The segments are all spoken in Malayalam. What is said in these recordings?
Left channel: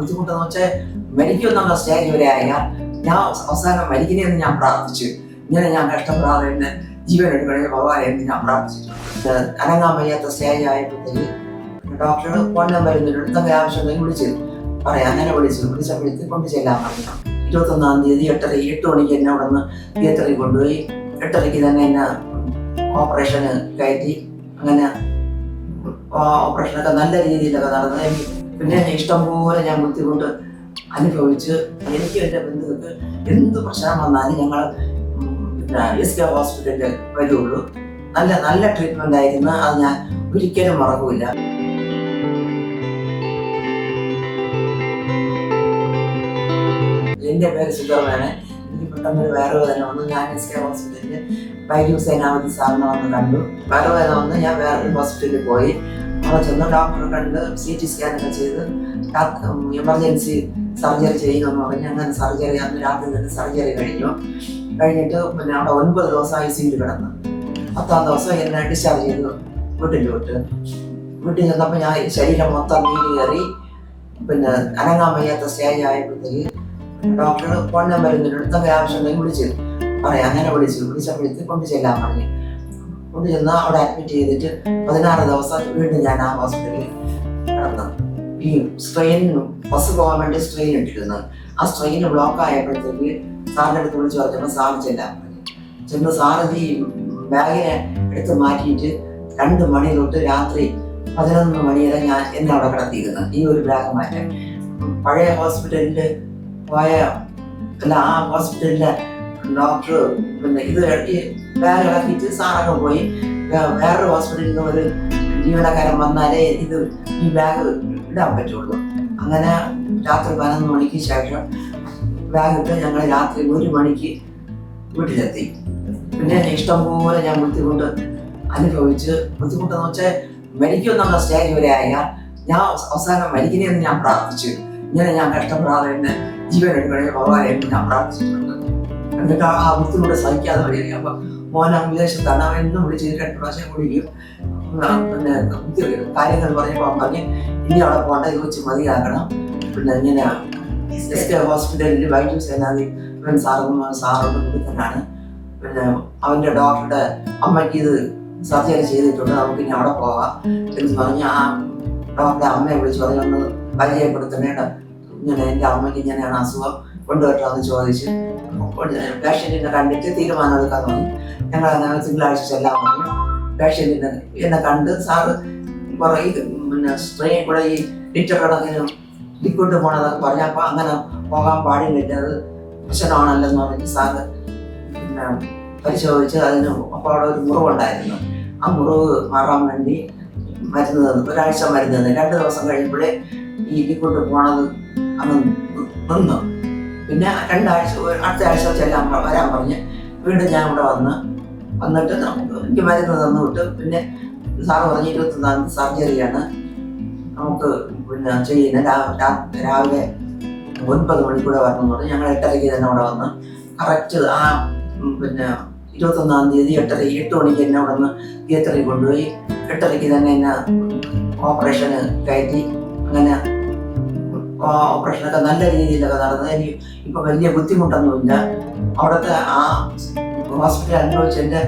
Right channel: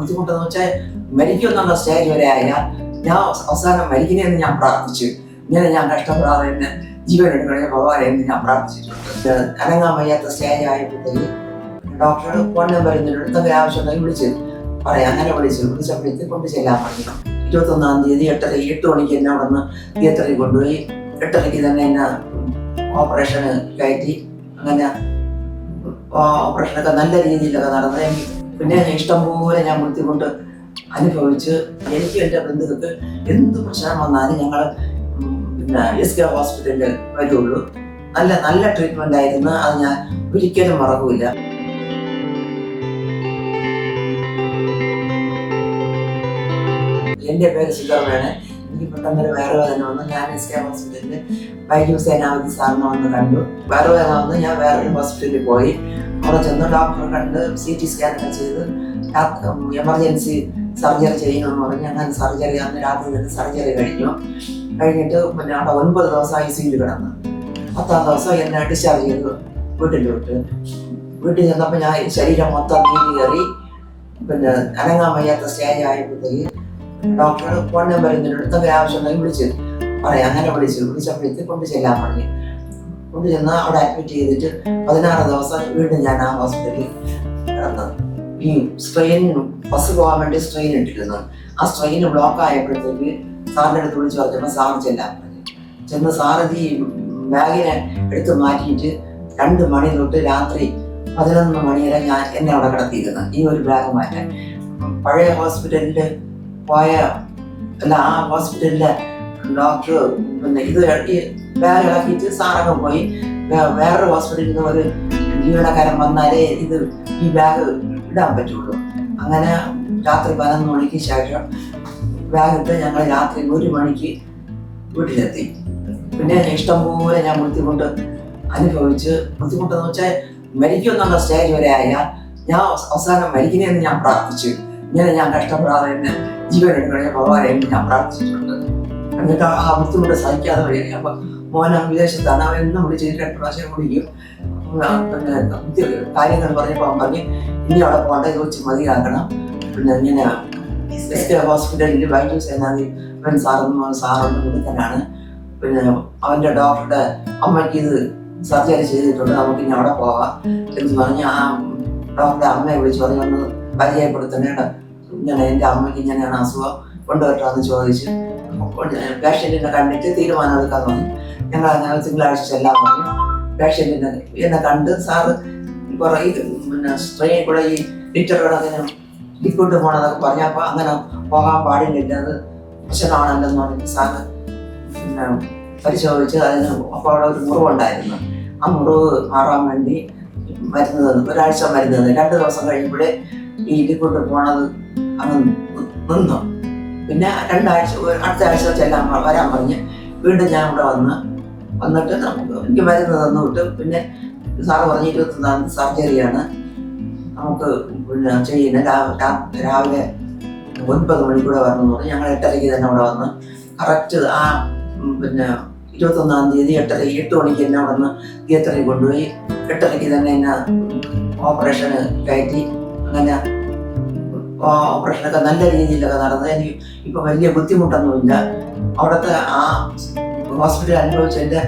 ബുദ്ധിമുട്ടെന്ന് വെച്ചാൽ മരിക്കുമെന്നുള്ള സ്റ്റേജ് വരെ ആയില്ല. ഞാൻ അവസാനം മരിക്കണേന്ന് ഞാൻ പ്രാർത്ഥിച്ചു. ഇങ്ങനെ ഞാൻ കഷ്ടപ്പെടാതെ എന്നെ ജീവൻ എടുക്കണേ ഭഗവാനെ എന്ന് ഞാൻ പ്രാർത്ഥിച്ചിട്ടുണ്ട്. അനങ്ങാൻ വയ്യാത്ത സ്റ്റേജ് ആയപ്പോഴത്തേക്ക് ഡോക്ടർ ഫോൺ നമ്പർ എന്തെങ്കിലും ആവശ്യമുണ്ടെങ്കിൽ വിളിച്ച് പറയാം. അങ്ങനെ വിളിച്ചപ്പോഴത്തേക്ക് കൊണ്ട് ചെല്ലാൻ പറഞ്ഞു. 21-ാം തീയതി 8 മണിക്ക് എന്നെ അവിടെ നിന്ന് തിയേറ്ററിൽ കൊണ്ടുപോയി 8:30 തന്നെ എന്നെ ഓപ്പറേഷന് കയറ്റി. അങ്ങനെ ഓപ്പറേഷനൊക്കെ നല്ല രീതിയിലൊക്കെ നടന്നത്. പിന്നെ ഇഷ്ടംപോലെ ഞാൻ ബുദ്ധിമുട്ട് അനുഭവിച്ച് എനിക്ക് എൻ്റെ ബന്ധുക്കൾക്ക് എന്ത് പ്രശ്നം വന്നാലും ഞങ്ങൾ SK ഹോസ്പിറ്റലിൽ വരുള്ളൂ. നല്ല ട്രീറ്റ്മെൻ്റ് ആയിരുന്നു. അത് ഞാൻ ഒരിക്കലും മറക്കില്ല. എൻ്റെ പേര് സുധർമ്മയാണ്. എനിക്ക് പെട്ടെന്നൊരു വയറുവേദന വന്നു. ഞാൻ SK ഹോസ്പിറ്റലിൽ വൈദ്യു സേനാപതി സാറിനെ വന്ന് കണ്ടു. വയറുവേദന വന്ന് ഞാൻ വേറൊരു ഹോസ്പിറ്റലിൽ പോയി. അവിടെ ചെന്ന് ഡോക്ടറെ കണ്ട് CT സ്കാനൊക്കെ ചെയ്ത് എമർജൻസി സർജറി ചെയ്യണമെന്ന് പറഞ്ഞ് അങ്ങനെ സർജറി അന്ന് രാത്രി തന്നെ സർജറി കഴിഞ്ഞിട്ട് പിന്നെ അവിടെ 9 ദിവസം ICUയിൽ കിടന്നു. 10-ാം ദിവസം എന്നെ ഡിസ്ചാർജ് ചെയ്തു വീട്ടിൽ ചെന്നപ്പോൾ ഞാൻ ശരീരം മൊത്തം നീര് കയറി. പിന്നെ അനങ്ങാൻ വയ്യാത്ത സ്റ്റേജ് ആയപ്പോഴത്തേക്ക് ഡോക്ടർ ഫോൺ നമ്പർ എന്തെങ്കിലും ആവശ്യമുണ്ടെങ്കിൽ വിളിച്ച് പറയാം. അങ്ങനെ വിളിച്ചപ്പോഴത്തേക്ക് കൊണ്ട് ചെല്ലാൻ പറഞ്ഞു. കൊണ്ട് ചെന്ന് അവിടെ അഡ്മിറ്റ് ചെയ്തിട്ട് 16 ദിവസം വീണ്ടും ഞാൻ ആ ഹോസ്പിറ്റലിൽ കിടന്നു. ഈ സ്ട്രെയിൻ ബസ് പോകാൻ വേണ്ടി സ്ട്രെയിൻ ഇട്ടിരുന്നു. ആ സ്ട്രെയിൻ ബ്ലോക്ക് ആയപ്പോഴത്തേക്ക് സാറിൻ്റെ അടുത്ത് വിളിച്ച് പറഞ്ഞപ്പോൾ സാറ് ചെല്ലാൻ പറഞ്ഞു. ചെന്ന് സാറ് ഈ ബാഗിനെ എടുത്ത് മാറ്റിയിട്ട് 2 മണി തൊട്ട് രാത്രി 11 മണി വരെ എന്നെ അവിടെ കിടത്തിയിരുന്നു. ഈ ഒരു ബാഗ് മാറ്റാൻ പഴയ ഹോസ്പിറ്റലിൽ പോയ ആ ഹോസ്പിറ്റലിലെ ഡോക്ടർ പിന്നെ ഇത് ഈ ബാഗ് ഇളക്കിയിട്ട് സാറൊക്കെ പോയി വേറൊരു ഹോസ്പിറ്റലിൽ നിന്ന് ഒരു ജീവനക്കാരൻ വന്നാലേ ഈ ബാഗ് ഇടാൻ പറ്റുള്ളൂ. അങ്ങനെ രാത്രി 11 മണിക്ക് ശേഷം ബാഗ് ഇട്ട് ഞങ്ങൾ രാത്രി 1 മണിക്ക് വീട്ടിലെത്തി. പിന്നെ ഇഷ്ടംപോലെ ഞാൻ ബുദ്ധിമുട്ട് അനുഭവിച്ച് ബുദ്ധിമുട്ടെന്ന് വെച്ചാൽ മരിക്കുമെന്നുള്ള സ്റ്റേജ് വരെ ആയില്ല. ഞാൻ അവസാനം മരിക്കണേന്ന് ഞാൻ പ്രാർത്ഥിച്ചു. ഇങ്ങനെ ഞാൻ കഷ്ടപ്പെടാതെ എന്നെ ജീവൻ എടുക്കണേ ഭഗവാനെ എന്ന് ഞാൻ പ്രാർത്ഥിച്ചിട്ടുണ്ട്. എന്നിട്ട് ആ ബുദ്ധിമുട്ട് സഹിക്കാതെ വരിക. അപ്പം മോനെ വിദേശത്താണ്, അവൻ എന്നും വിളിച്ച് 2 പ്രാവശ്യം വിളിക്കും. പിന്നെ കാര്യങ്ങൾ പറഞ്ഞപ്പോൾ അവൻ പറഞ്ഞ് ഇനി അവിടെ പോകേണ്ട ചോദിച്ച് മതിയാക്കണം. പിന്നെ ഇങ്ങനെ SK ഹോസ്പിറ്റലിൽ വൈദ്യു സേനാപതി സാറൊന്നും വിളിക്കാനാണ്. പിന്നെ അവൻ്റെ ഡോക്ടറുടെ അമ്മയ്ക്ക് ഇത് സർജറി ചെയ്തിട്ടുണ്ട്, നമുക്ക് ഇനി അവിടെ പോകാം എന്ന് പറഞ്ഞ് ആ ഡോക്ടറുടെ അമ്മയെ വിളിച്ചു അതിനൊന്ന് പരിചയപ്പെടുത്തണേണ്ട. ഇങ്ങനെ എൻ്റെ അമ്മയ്ക്ക് ഇങ്ങനെയാണ് അസുഖം, കൊണ്ടുവരണമെന്ന് ചോദിച്ച് പേഷ്യൻറ്റിനെ കണ്ടിട്ട് തീരുമാനം എടുക്കാൻ തോന്നി. ഞങ്ങൾ അങ്ങനെ തിങ്കളാഴ്ച ചെല്ലാൻ പറഞ്ഞു. പേഷ്യൻറ്റിനെ എന്നെ കണ്ട് സാറ് കുറേ പിന്നെ ട്രെയിനിൽ കൂടെ ഈ ലിറ്റർ കണക്കിന് ലിക്വിഡ് പോകണമെന്നൊക്കെ പറഞ്ഞപ്പോൾ അങ്ങനെ പോകാൻ പാടില്ല, അത് പ്രശ്നമാണല്ലെന്ന് പറഞ്ഞിട്ട് സാറ് പിന്നെ പരിശോധിച്ച് അതിന് അപ്പോൾ അവിടെ ഒരു മുറിവുണ്ടായിരുന്നു. ആ മുറിവ് മാറാൻ വേണ്ടി മരുന്ന് തന്നു. 1 ആഴ്ച മരുന്ന് തന്നു. 2 ദിവസം കഴിയുമ്പോഴേ ഈ ലിക്വിഡ് പോണത് അങ്ങ് നിന്നു. പിന്നെ 2 ആഴ്ച അടുത്ത ആഴ്ച വരാൻ പറഞ്ഞ് വീണ്ടും ഞാൻ ഇവിടെ വന്നിട്ട് എനിക്ക് മരുന്ന് തന്നു വിട്ട്. പിന്നെ സാറ് പറഞ്ഞ് 21-ാം തീയതി സർജറിയാണ് നമുക്ക് പിന്നെ ചെയ്യുന്നത്. രാവിലെ 9 മണിക്കൂടെ വരണമെന്ന് പറഞ്ഞ് ഞങ്ങൾ 8:30 തന്നെ അവിടെ വന്ന് കറക്റ്റ് ആ പിന്നെ 21-ാം തീയതി 8 മണിക്ക് എന്നെ അവിടെ നിന്ന് തിയേറ്ററിൽ കൊണ്ടുപോയി 8:30 തന്നെ എന്നെ ഓപ്പറേഷന് കയറ്റി. അങ്ങനെ ഓപ്പറേഷനൊക്കെ നല്ല രീതിയിലൊക്കെ നടന്നത്. എനിക്ക് ഇപ്പം വലിയ ബുദ്ധിമുട്ടൊന്നുമില്ല. അവിടുത്തെ ആ ഹോസ്പിറ്റൽ അനുഭവിച്ചതിൻ്റെ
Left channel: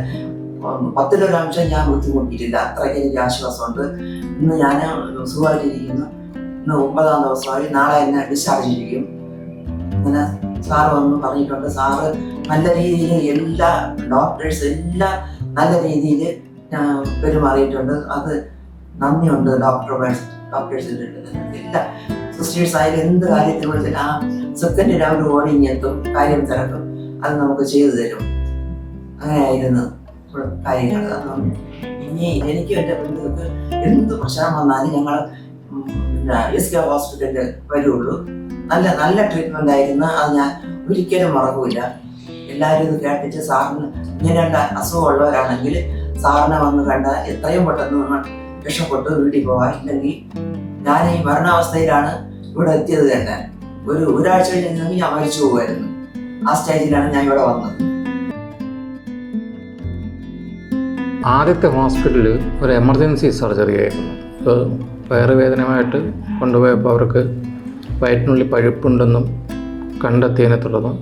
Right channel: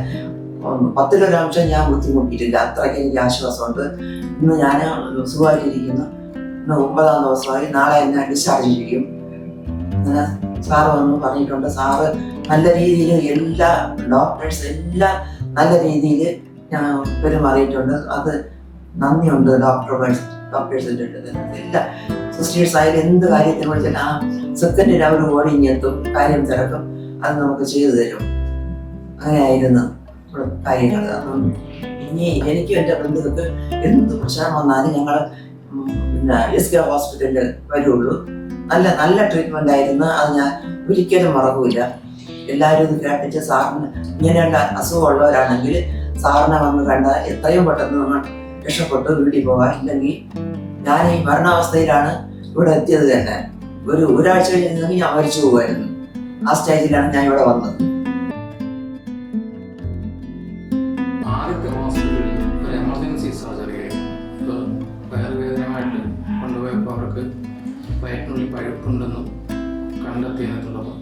10% ഞാൻ ബുദ്ധിമുട്ടിയിട്ടില്ല. അത്രയ്ക്ക് എനിക്ക് ആശ്വാസമുണ്ട്. ഇന്ന് ഞാൻ സുഖമായിട്ടിരിക്കുന്നു. ഇന്ന് 9-ാം ദിവസമായി. നാളെ എന്നെ ഡിസ്ചാർജ് ചെയ്യും. അങ്ങനെ സാറ് വന്ന് പറഞ്ഞിട്ടുണ്ട്. സാറ് നല്ല രീതിയിൽ എല്ലാ ഡോക്ടേഴ്സ് എല്ലാം നല്ല രീതിയിൽ പെരുമാറിയിട്ടുണ്ട്. അത് നന്ദിയുണ്ട് ഡോക്ടേഴ്സിൻ്റെ എല്ലാ സിസ്റ്റേഴ്സ് ആയാലും എന്ത് കാര്യത്തിന് വിളിച്ചാൽ ആ സെക്കൻഡിൽ അവർ ഓടിങ്ങെത്തും, കാര്യം തിരക്കും, അത് നമുക്ക് ചെയ്തു തരും. അങ്ങനെയായിരുന്നു കാര്യങ്ങൾ. ഇനി എനിക്കും എൻ്റെ ബന്ധുക്കൾക്ക് എന്ത് പ്രശ്നം വന്നാലും ഞങ്ങൾ പിന്നെ SK ഹോസ്പിറ്റലിൽ വരുള്ളൂ. നല്ല ട്രീറ്റ്മെൻ്റ് ആയിരുന്നു. അത് ഞാൻ ഒരിക്കലും മറക്കില്ല. എല്ലാവരും ഇത് കേട്ടിട്ട് സാറിന് ഇങ്ങനെയുള്ള അസുഖമുള്ളവരാണെങ്കിൽ സാറിനെ വന്ന് കണ്ടാൽ എത്രയും പെട്ടെന്ന് നിങ്ങൾ രക്ഷപ്പെട്ട് വീട്ടിൽ പോകാം. ഇല്ലെങ്കിൽ ഞാൻ ഈ മരണാവസ്ഥയിലാണ് ഇവിടെ എത്തിയത് തന്നെ. ഒരാഴ്ച കഴിഞ്ഞെങ്കിൽ ഞാൻ മരിച്ചു പോകുമായിരുന്നു. ആ സ്റ്റേജിലാണ് ഞാൻ ഇവിടെ വന്നത്. ആദ്യത്തെ ഹോസ്പിറ്റലിൽ ഒരു എമർജൻസി സർജറി ആയിരുന്നു. ഇപ്പോൾ വയറുവേദനയുമായിട്ട് കൊണ്ടുപോയപ്പോൾ അവർക്ക് വയറ്റിനുള്ളിൽ പഴുപ്പുണ്ടെന്നും കണ്ടെത്തിയതിനെ തുടർന്ന്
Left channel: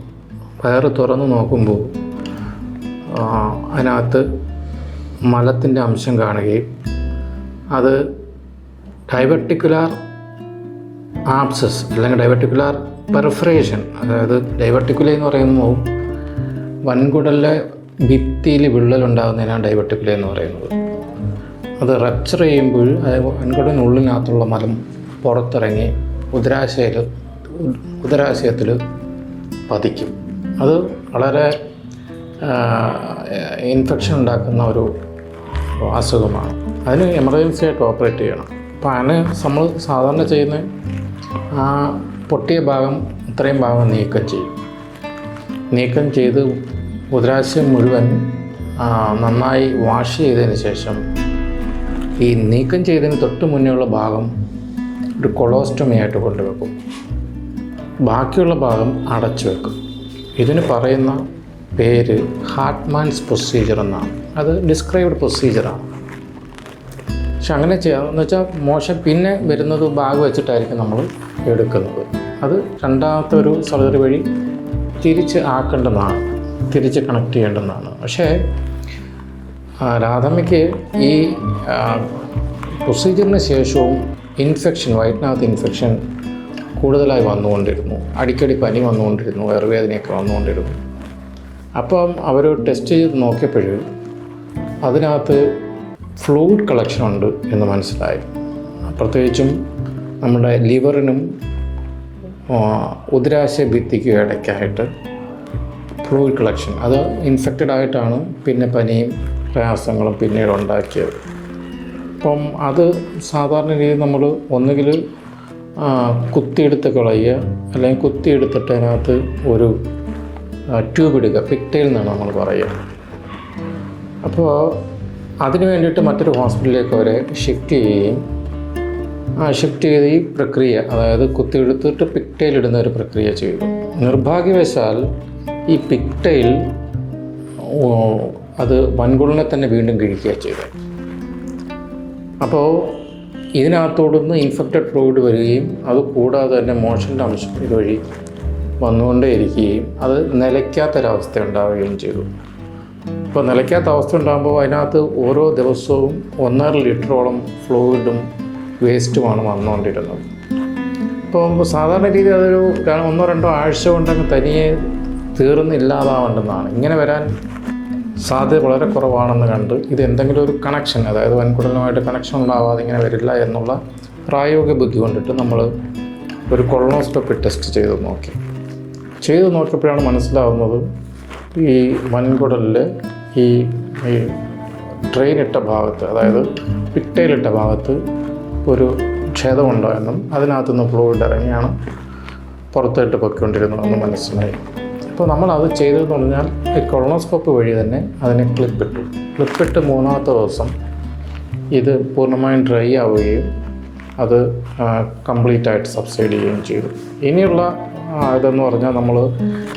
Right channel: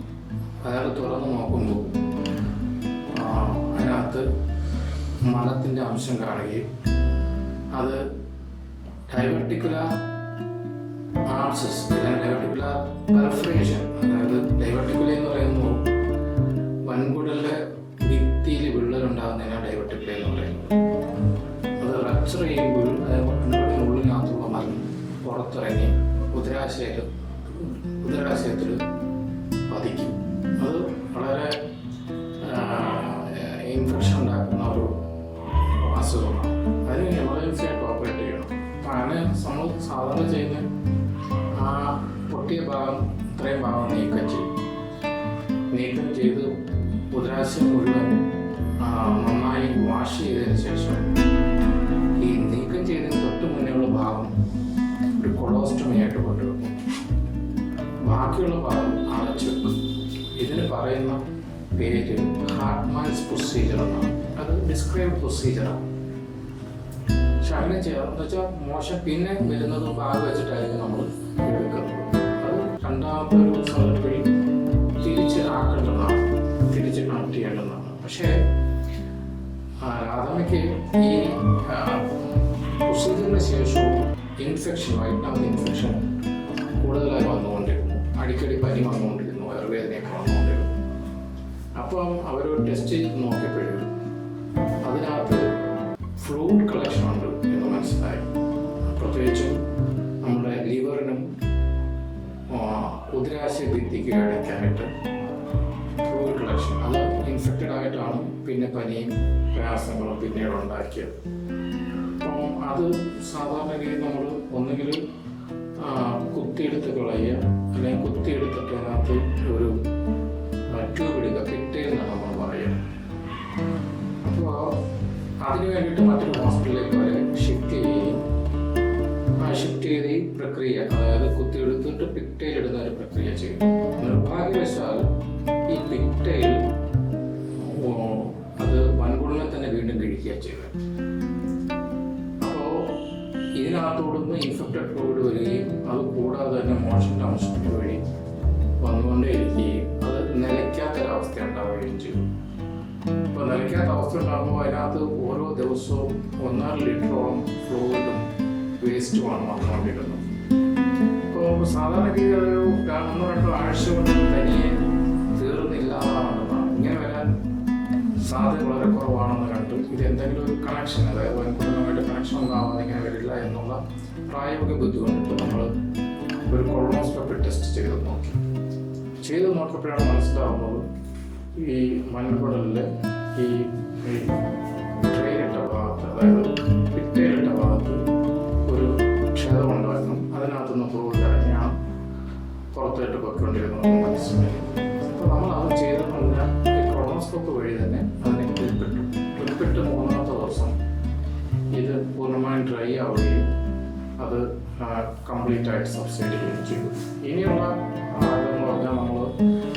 വയറ് തുറന്ന് നോക്കുമ്പോൾ അതിനകത്ത് മലത്തിൻ്റെ അംശം കാണുകയും അത് ഡൈവർട്ടിക്കുലാർ ആബ്സസ് അല്ലെങ്കിൽ ഡൈവർട്ടിക്കുലാർ പെർഫറേഷൻ, അതായത് ഡൈവർട്ടിക്കുല എന്ന് പറയുമ്പോൾ വൻകുടലിലെ ഭിത്തിയിൽ വിള്ളലുണ്ടാകുന്നതിനാണ് ഡൈവർട്ടിക്കുല എന്ന് പറയുന്നത്. അത് റപ്ചർ ചെയ്യുമ്പോൾ വൻകുടലിനുള്ളിനകത്തുള്ള മലം പുറത്തിറങ്ങി ഉദരാശയത്തിൽ പതിക്കും. അത് വളരെ ഇൻഫെക്ഷൻ ഉണ്ടാക്കുന്ന ഒരു അസുഖമാണ്. അതിന് എമർജൻസി ആയിട്ട് ഓപ്പറേറ്റ് ചെയ്യണം. അപ്പോൾ അതിന് നമ്മൾ സാധാരണ ചെയ്യുന്ന ആ പൊട്ടിയ ഭാഗം ഇത്രയും ഭാഗം നീക്കം ചെയ്ത് ഉദരാശയം മുഴുവൻ നന്നായി വാഷ് ചെയ്തതിന് ശേഷം ഈ നീക്കം ചെയ്തതിന് തൊട്ട് മുന്നേയുള്ള ഭാഗം ഒരു കൊളോസ്റ്റമി ആയിട്ട് കൊണ്ടുവെക്കും. ബാക്കിയുള്ള ഭാഗം അടച്ചു വെക്കും. ഇതിന് പറയുന്ന പേര് ഹാർട്ട്മാൻസ് പ്രൊസീജിയർ എന്നാണ്. അത് ഡിസ്ക്രൈബ്ഡ് പ്രൊസീജിയറാണ്. പക്ഷെ അങ്ങനെ ചെയ്യാമെന്ന് വെച്ചാൽ മോശം പിന്നെ വരുന്നത് ബാഗ് വെച്ചിട്ടായിരിക്കും നമ്മൾ എടുക്കുന്നത്. അത് രണ്ടാമത്തെ ഒരു സർജറി വഴി തിരിച്ച് ആക്കേണ്ടതാണ്, തിരിച്ച് കണക്ട് ചെയ്യേണ്ടതാണ്. പക്ഷേ രാധമ്മയ്ക്ക് ഈ പ്രൊസീജിയറിന് ശേഷവും വയറ്റിനകത്ത് ഇൻഫെക്ഷൻ കൂടുതലായി വന്നുകൊണ്ടിരുന്നു. അടിക്കടി പനി വന്നുകൊണ്ടിരുന്നു, വയറുവേദനയൊക്കെ വന്നുകൊണ്ടിരുന്നു. അപ്പം അവർ ടെസ്റ്റ് ചെയ്ത് നോക്കിയപ്പോഴും അതിനകത്ത് ഫ്ലൂയിഡ് കളക്ഷൻ ഉണ്ട് എന്ന് മനസ്സിലായി. പ്രത്യേകിച്ചും നമ്മുടെ ലിവറിനും ഉദരാശയ ഭിത്തിക്കും ഇടയ്ക്കായിട്ട് ഫ്ലൂയിഡ് കളക്ഷൻ, അത് ഇൻഫെക്റ്റഡ് ആയിട്ടാണ് പിന്നെ പനിയും പ്രയാസങ്ങളും പിന്നീട് ഉണ്ടാക്കിയത്. അപ്പം അത് സാധാരണ രീതിയിൽ നമ്മൾ ഒന്നുകിൽ കുത്തിയെടുത്ത് കളയുക, അല്ലെങ്കിൽ കുത്തിയെടുത്തിട്ട് അതിനകത്ത് ഒരു ട്യൂബ് ഇടുക, പിക്ടൈൽ എന്നാണ് നമ്മൾ പറയുക. അപ്പോൾ അതിന് വേണ്ടിയിട്ട് മറ്റൊരു ഹോസ്പിറ്റലിലേക്ക് അവരെ ഷിഫ്റ്റ് ചെയ്ത് ഈ പ്രക്രിയ, അതായത് കുത്തിയെടുത്തിട്ട് പിക്ടൈൽ ഇടുന്ന ഒരു പ്രക്രിയ ചെയ്തു. നിർഭാഗ്യവശാൽ ഈ പിക്ടൈൽ അത് വൻകുടലിനെ തന്നെ വീണ്ടും കിഴിക്കുക ചെയ്തു. അപ്പോൾ ഇതിനകത്തോടുന്ന് ഇൻഫെക്റ്റഡ് ഫ്ലൂയിഡ് വരികയും അത് കൂടാതെ തന്നെ മോഷൻ്റെ അംശം വഴി വന്നുകൊണ്ടേയിരിക്കുകയും അത് നിലയ്ക്കാത്തൊരവസ്ഥ ഉണ്ടാവുകയും ചെയ്തു. ഇപ്പോൾ നിലയ്ക്കാത്ത അവസ്ഥ ഉണ്ടാകുമ്പോൾ അതിനകത്ത് ഓരോ ദിവസവും 1.5 ലിറ്ററോളം ഫ്ലൂയിഡും വേസ്റ്റുമാണ് വന്നുകൊണ്ടിരുന്നത്. ഇപ്പോൾ സാധാരണ രീതി അതൊരു 1-2 ആഴ്ച കൊണ്ടങ്ങ് തനിയെ തീർന്നില്ലാതാവേണ്ടതാണ്. ഇങ്ങനെ വരാൻ സാധ്യത വളരെ കുറവാണെന്ന് കണ്ട് ഇത് എന്തെങ്കിലും ഒരു കണക്ഷൻ, അതായത് വൻകുടലുമായിട്ട് കണക്ഷൻ ഉണ്ടാവാതെ ഇങ്ങനെ വരില്ല എന്നുള്ള പ്രായോഗിക ബുദ്ധി കൊണ്ടിട്ട് നമ്മൾ ഒരു കൊളോണോസ്കോപ്പി ടെസ്റ്റ് ചെയ്ത് നോക്കിയപ്പോഴാണ് മനസ്സിലാവുന്നത് ഈ വൻകുടലിൽ ഈ ട്രെയിനിട്ട ഭാഗത്ത്, അതായത് പിക്ടൈലിട്ട ഭാഗത്ത് ഒരു ക്ഷതമുണ്ടായെന്നും അതിനകത്തുനിന്ന് ഫ്ലൂയിഡ് ഇറങ്ങിയാണ് പുറത്തോട്ട് പൊയ്ക്കൊണ്ടിരുന്നതെന്ന് മനസ്സിലായി. അപ്പോൾ നമ്മളത് ചെയ്തതെന്ന് പറഞ്ഞാൽ ഈ കൊളോണോസ്കോപ്പ് വഴി തന്നെ അതിനെ ക്ലിപ്പിട്ട് 3ാമത്തെ ദിവസം ഇത് പൂർണ്ണമായും ഡ്രൈ ആവുകയും അത് കംപ്ലീറ്റ് ആയിട്ട് സബ്സൈഡ് ചെയ്യുകയും ചെയ്തു. ഇനിയുള്ള ഇതെന്ന് പറഞ്ഞാൽ നമ്മൾ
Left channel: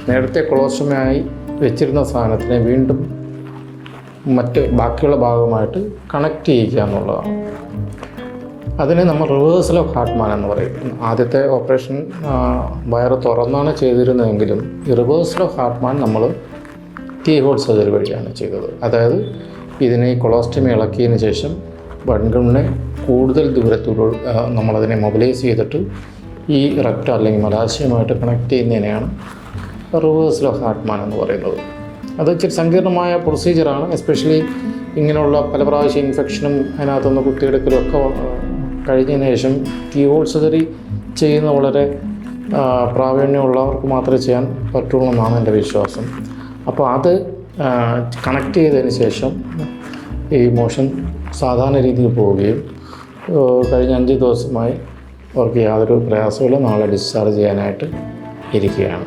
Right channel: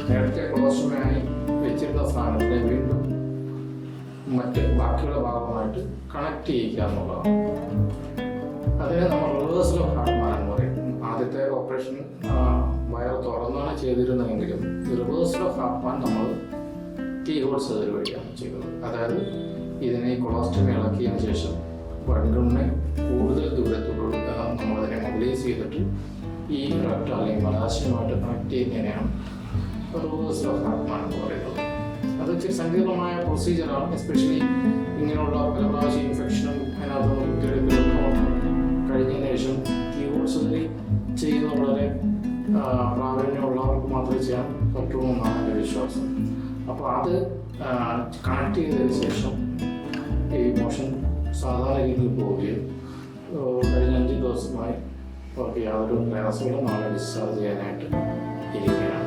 നേരത്തെ കൊളോസ്റ്റമിയായി വെച്ചിരുന്ന സാധനത്തിനെ വീണ്ടും ബാക്കിയുള്ള ഭാഗമായിട്ട് കണക്ട് ചെയ്യുക എന്നുള്ളതാണ്. അതിനെ നമ്മൾ റിവേഴ്സൽ ഓഫ് ഹാർട്ട്മാൻ എന്ന് പറയും. ആദ്യത്തെ ഓപ്പറേഷൻ വയറ് തുറന്നാണ് ചെയ്തിരുന്നതെങ്കിലും ഈ റിവേഴ്സൽ ഓഫ് ഹാർട്ട്മാൻ നമ്മൾ കീഹോൾ സർജറി വഴിയാണ് ചെയ്തത്. അതായത് ഇതിനെ കൊളോസ്റ്റമി ഇളക്കിയതിന് ശേഷം വൻകുടലിനെ കൂടുതൽ ദൂരത്തോട് നമ്മളതിനെ മൊബിലൈസ് ചെയ്തിട്ട് ഈ റെക്ടം അല്ലെങ്കിൽ മലാശയമായിട്ട് കണക്ട് ചെയ്യുന്നതിനെയാണ് റിവേഴ്സൽ ഓഫ് ഹാർട്ട്മാൻ എന്ന് പറയുന്നത്. അത് ഇച്ചിരി സങ്കീർണമായ പ്രൊസീജിയറാണ്. എസ്പെഷ്യലി ഇങ്ങനെയുള്ള പല പ്രാവശ്യം ഇൻഫെക്ഷനും അതിനകത്തുനിന്ന് കുത്തിയെടുക്കലും ഒക്കെ കഴിഞ്ഞതിന് ശേഷം കീഹോൾ സർജറി ചെയ്യുന്ന വളരെ പ്രാവീണ്യമുള്ളവർക്ക് മാത്രമേ ചെയ്യാൻ പറ്റുള്ളൂ എന്നാണ് എൻ്റെ വിശ്വാസം. അപ്പോൾ അത് കണക്ട് ചെയ്തതിന് ശേഷം ഈ മോഷൻ സാധാരണ രീതിയിൽ പോവുകയും കഴിഞ്ഞ 5 ദിവസമായി അവർക്ക് യാതൊരു പ്രയാസമില്ല. നാളെ ഡിസ്ചാർജ് ചെയ്യാനായിട്ട് ഇരിക്കുകയാണ്.